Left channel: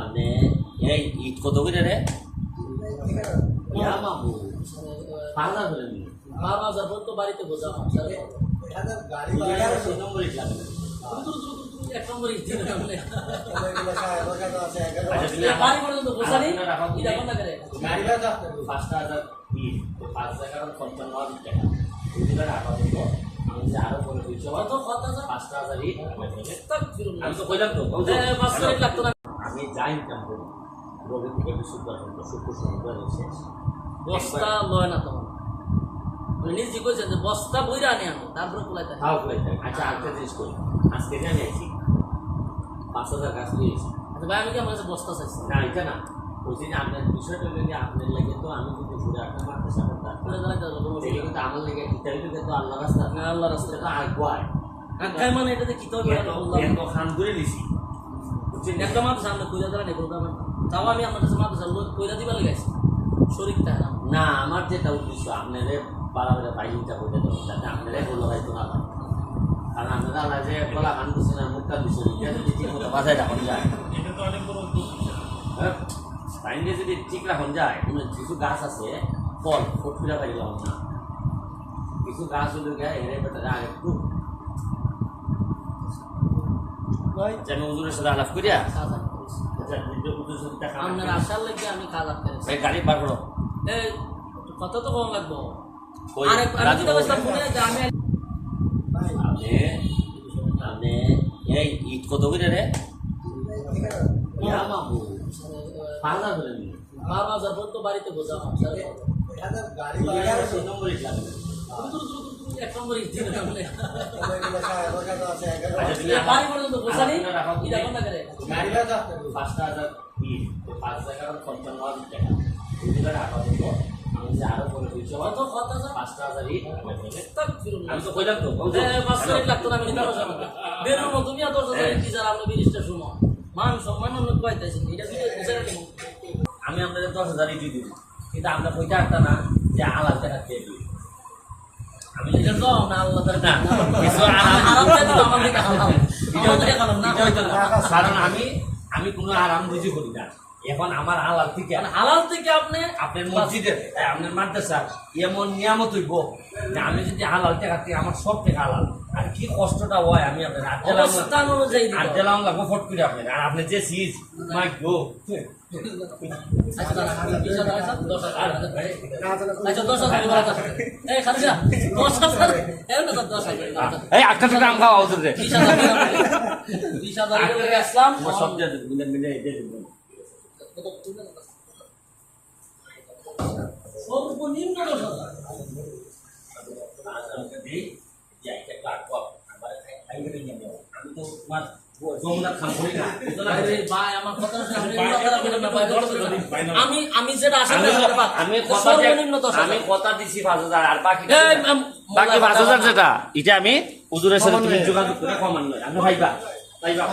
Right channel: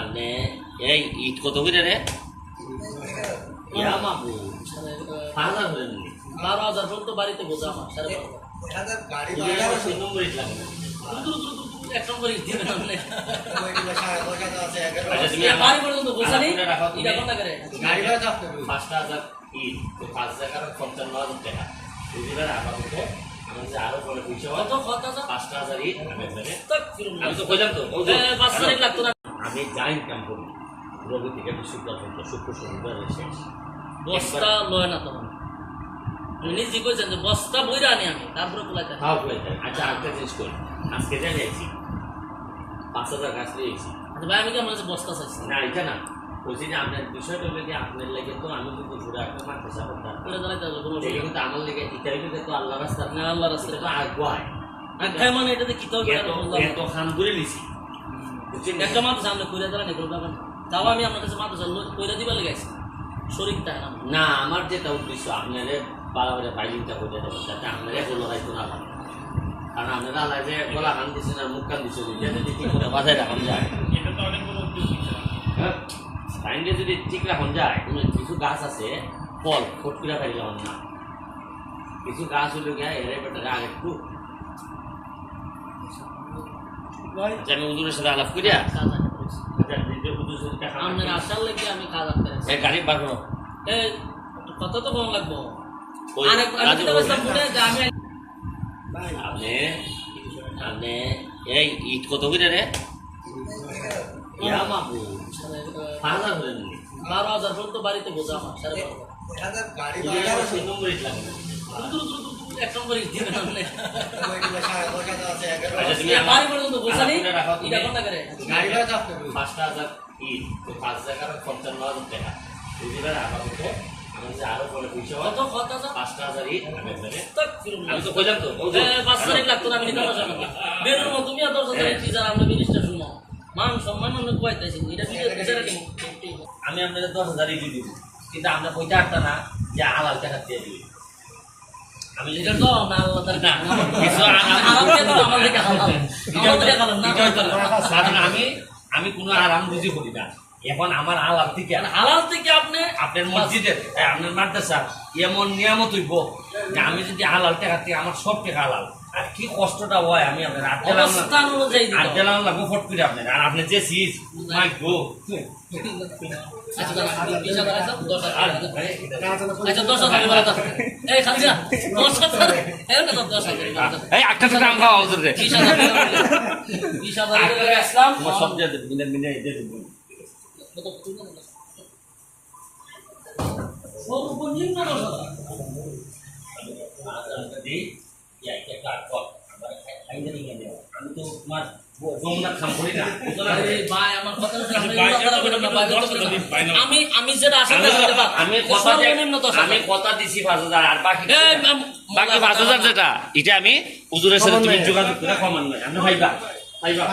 আপনি এই ইট কত করে রে ইয়া মাবু পাঁচ হাজার করে নিন বারো হাজার পর্যন্ত বাড়িতে বোঝা আমার সাড়ে। আচ্ছা? পাঁচটা হাজার ইট পাঁচ হাজার পঞ্চান্ন হাজার টাকা ওইগুলো আপাতত আমি তো কইলাম তো পাঁচ হাজার লাগতো না। আমি যা ইনকাম করি রবি থেকে পর্যন্ত শুক্র শনিবার শেষ বস্তা লয় না তোমার তুমি নিজে কইছেন যে বস্তা বইরা আনি আমি তারপরে কুলাইতে আনি। খাওয়া করে যায় আচ্ছা আরেকটা জিনিস করি। আজকে জানি আইছি পাঁচ হাজার গাছ নিয়েছি আচ্ছা ভাই আমি কি আমার কাছে বস্তা চাইছি। না এটা না। বলছি যে আপনার বিষয়টা হলো আপনার লেগে তো আমি কিন্তু ঘুরে আপনার মাঠে সাপোর্ট কুলে দাঁড়াইতে হবে কোনো অসুবিধা কিন্তু আমার লেগে ইটাই লেগে তো আল্লাহ রাস্তা। না, আল্লাহর রাস্তা। তো আগুয়ায় মানে এটাতে কি এত খান করে বুঝছেন একটা মাত্র সামনে কইরা দাঁড়ান এগুলো ব্যাপার না। তাও আমি আপনার কাছে মাত্র কইরা দিবার লেগাইছি শরীর তাই না? আমার যেটা উদ্দেশ্য আপনারে বাইলিংটা করে দেবেন যাতে আপনারে বলো হয়তো না কারণ আপনারা আল্লাহ যে গলা কান দিচ্ছেন আর মুখ কান দিচ্ছেন এটা যদি ঠিক মতো বাজায় রাখুন যায়। হ্যাঁ? টাইমটা যদি ঠিক রাখুন যায় উনি কিছু গাছ আছে ফল ফটকিরা লাগান না। কিছু গাছ হলো গিয়া এরে বেটারে আগে একটু আচ্ছা আমি উজুরের সাথে আলাপ করিয়া। আচ্ছা আপনার আসার লেগে আমি কাজ আটকে রাখছি। গাড়ি বার করো এ, কত তো কম লাগবো আরেক আমি রাজু যেটা মনে আমি আপনি আপনি এই ইট কত করে রে ইয়া মাবু পাঁচ হাজার বারো হাজার পর্যন্ত বাড়িতে বোঝা আমার সাড়ে বারো হাজার। তিন নম্বর ইট লাগবে পয়সা। মান সম্মান আমরা নিব। আমি আপনাদের দশ হাজার দিব, কিন্তু আমরা কইতে পারতাম না যে হালাল টাকা দিয়ে দিবি আমি আমি কোনো আরাম বুঝি করি না। এখন আমার আলাপ থেকে মানে হালাল থেকে আপনি আপনার মসজিদের আপনার মাদ্রাসা এমন নিয়ামত হইব যে আমি যদি হালাল টাকা থেকে আমার সব টাকা হালাল। আর কি কষ্টটা হয় আমি আপনার অবস্থান অনুযায়ী লাগবো ফট করে আপনার। আর আপনি যে সিজ মাই গো। আচ্ছা দশ হাজার। আটটা টাকা আম খাওয়া রে সব দিয়ে মিলে মিলে দিয়ে দেবো। সর্বনিম্ন দশ হাজার। আমার। আমি তো তোমার আমি আমি যেটা আমি- কথা দিছি পাঁচ হাজার আর বাকি বাকি পাঁচ হাজার যেটা এটা আমি হুজুরের সাথে তুমি যোগাযোগ করে কমান নয় আমি ভাইবা। ভাইবা।